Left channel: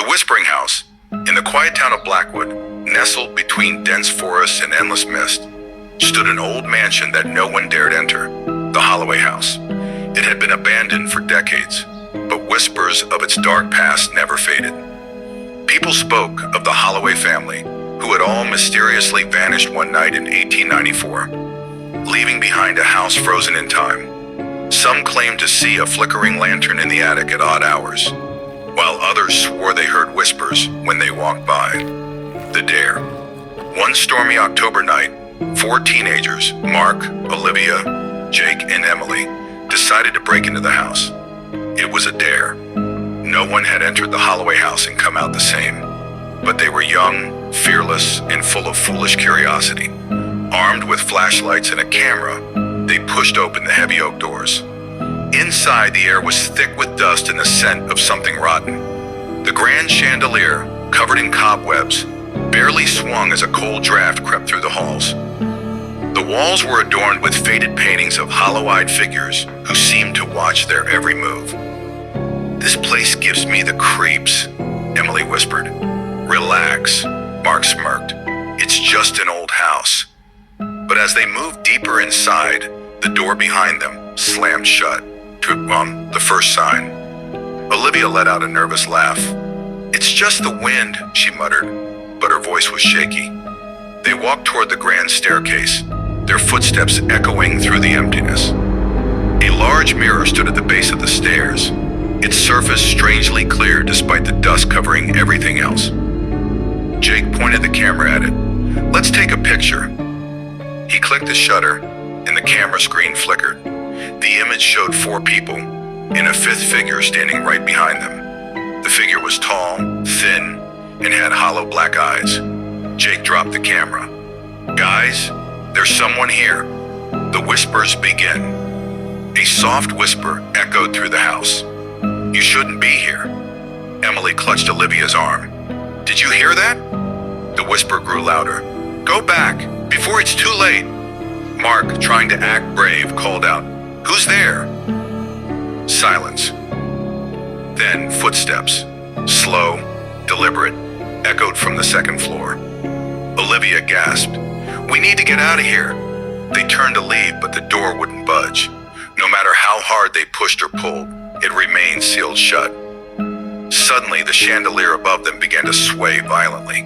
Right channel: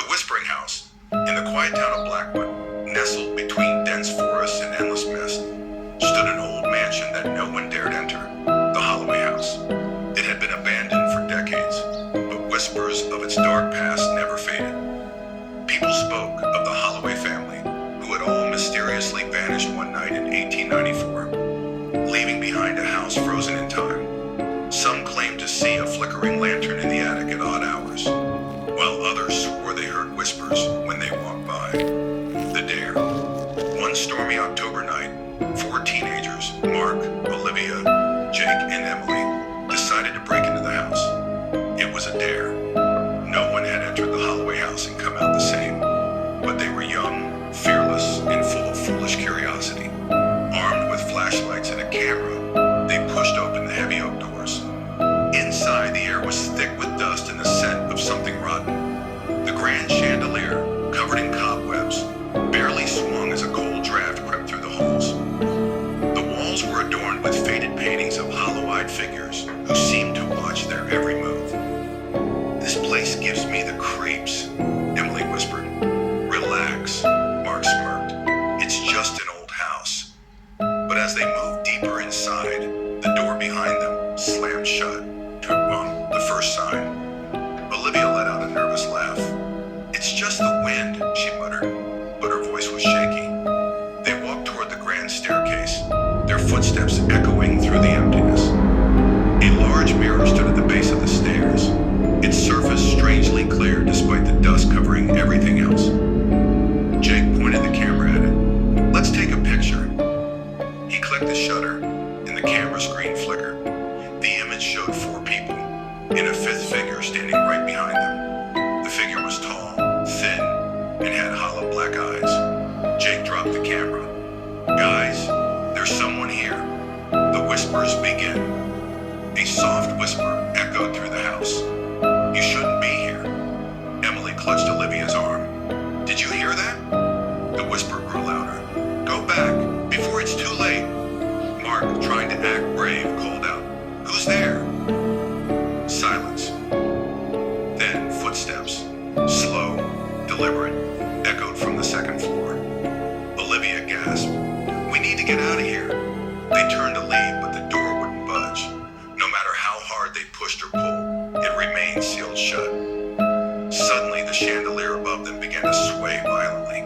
The Whispering House, in the quiet town of Blackwood, nestled between dense forests and endless mist, stood an old mansion that no one dared enter, the Holloway House. It had been abandoned for decades, but whispers of its dark past never faded. People spoke of the Holloway family, who had all mysteriously vanished one night in 1894, leaving behind a house frozen in time. Some claimed to see a flickering lantern in the attic at odd hours, while others swore they heard whispers when they walked by. The Dare. One stormy October night, four teenagers, Mark, Olivia, Jake, and Emily, decided to break into the house. It was a dare. No one had entered the Holloway House and come out the same, but they were young, fearless, and full of foolish curiosity. Armed with flashlights and a camera, they pushed open the heavy oak doors. Inside, the air was thick with dust and the scent of something rotten. The grand chandelier, covered in cobwebs, barely swung as a cold draft crept through the halls. The walls were adorned with faded paintings of hollow-eyed figures who seemed to watch their every move. "This place gives me the creeps," Emily whispered. "Relax," Mark smirked. "It's just an old house." But as they moved deeper inside, the door behind them slammed shut. The first sign. Olivia let out a nervous laugh. "It's just the wind," she muttered, but her voice was shaky. They walked toward the grand staircase, their footsteps echoing through the emptiness. A large mirror stood at the base of the stairs, its surface strangely clear despite the dust covering everything else. Jake pointed the camera at it. "Let's take a picture." He clicked the shutter, and the camera screen flickered. The image showed four people, and a fifth figure standing right behind them. The figure was tall, thin, and had hollow black eyes. Jake dropped the camera. "Guys, there's someone here." The whispers began. A soft whisper echoed through the house. "You shouldn't be here." Emily clutched Olivia's arm. "Did you hear that?" The whisper grew louder. "Go back, before it's too late." Mark, trying to act brave, called out, "Who's there?" Silence. Then footsteps, slow, deliberate, echoed from the second floor. Olivia gasped, "We need to get out of here." They turned to leave, but the door wouldn't budge. No matter how hard they pushed or pulled, it remained sealed shut. Suddenly, the chandelier above them began to sway violently.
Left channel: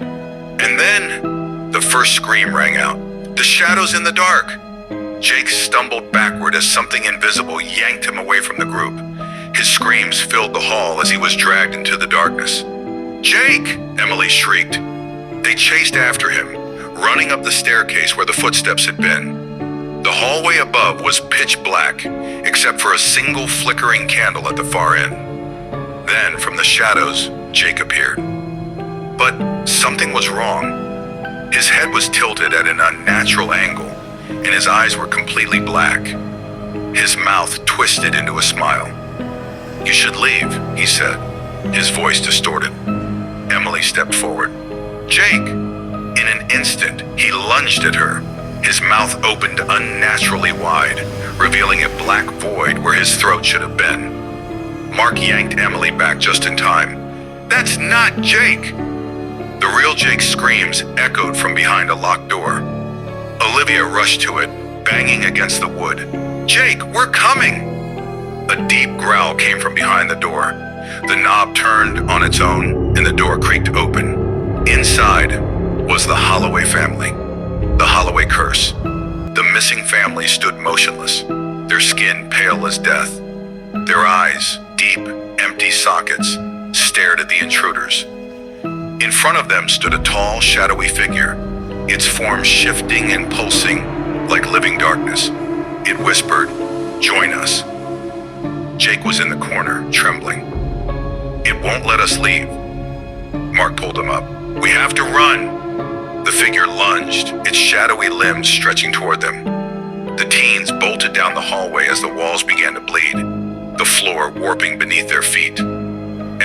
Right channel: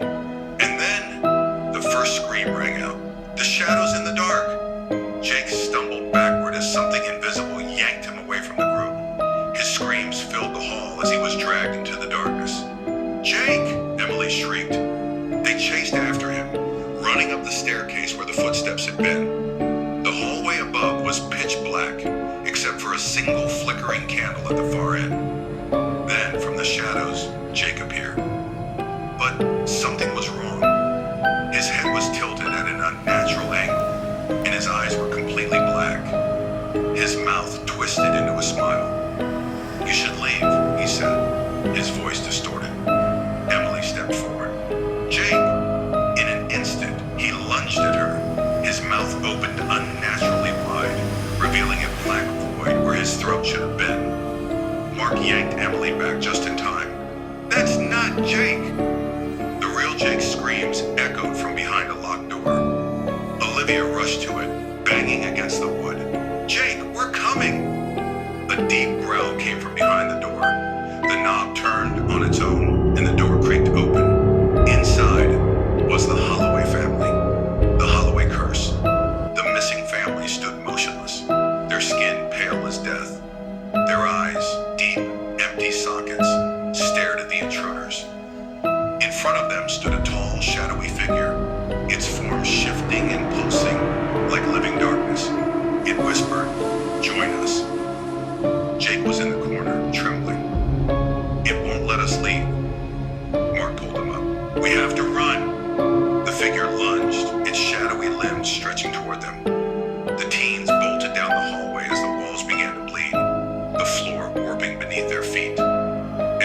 And then, the first scream rang out. "The shadows in the dark!" Jake stumbled backward as something invisible yanked him away from the group. His screams filled the hall as he was dragged into the darkness. "Jake!" Emily shrieked. They chased after him, running up the staircase where the footsteps had been. The hallway above was pitch black, except for a single flickering candle at the far end. Then, from the shadows, Jake appeared. But something was wrong. His head was tilted at an unnatural angle, and his eyes were completely black. His mouth twisted into a smile. "You should leave," he said, his voice distorted. Emily stepped forward. "Jake!" In an instant, he lunged at her. His mouth opened unnaturally wide, revealing a black void where his throat should have been. Mark yanked Emily back just in time. "That's not Jake!" The real Jake's screams echoed from behind a locked door. Olivia rushed to it, banging against the wood. "Jake, we're coming!" A deep growl came from behind the door. The knob turned on its own, and the door creaked open. Inside was the Holloway family, the Holloway curse. The missing family stood motionless, their skin pale as death. Their eyes, deep, empty sockets, stared at the intruders. In front of them stood a tall, shadowy figure, its form shifting and pulsing like living darkness. It whispered, "Join us." Jake was in the corner, trembling. "It won't let us leave." Mark pulled him up. "We have to run." The figure lunged, its shadowy limbs stretching toward them. The teens bolted down the hallway as the walls began to bleed, the floor warping beneath their feet.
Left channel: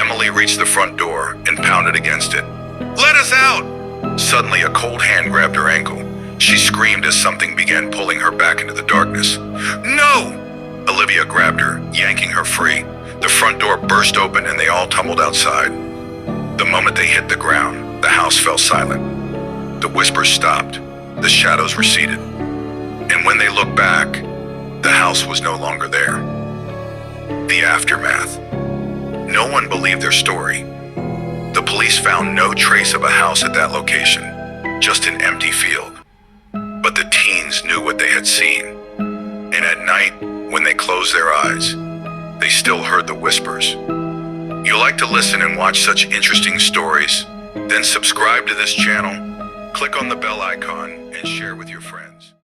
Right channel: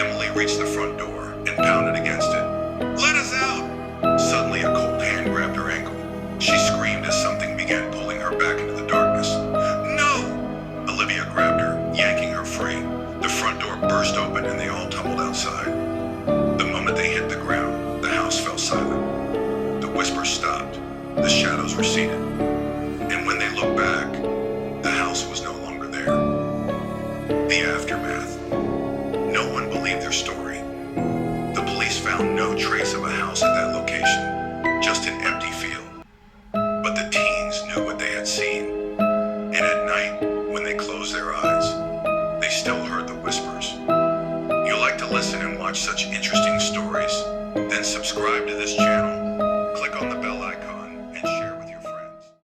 Emily reached the front door and pounded against it. "Let us out!" Suddenly, a cold hand grabbed her ankle. She screamed as something began pulling her back into the darkness. "No!" Olivia grabbed her, yanking her free. The front door burst open and they all tumbled outside. The moment they hit the ground, the house fell silent. The whispers stopped, the shadows receded, and when they looked back, the house was no longer there. The aftermath. No one believed their story. The police found no trace of a house at that location, just an empty field. But the teens knew what they had seen, and at night, when they closed their eyes, they still heard the whispers. You like to listen and watch such interesting stories? Then subscribe to this channel, click on the bell icon,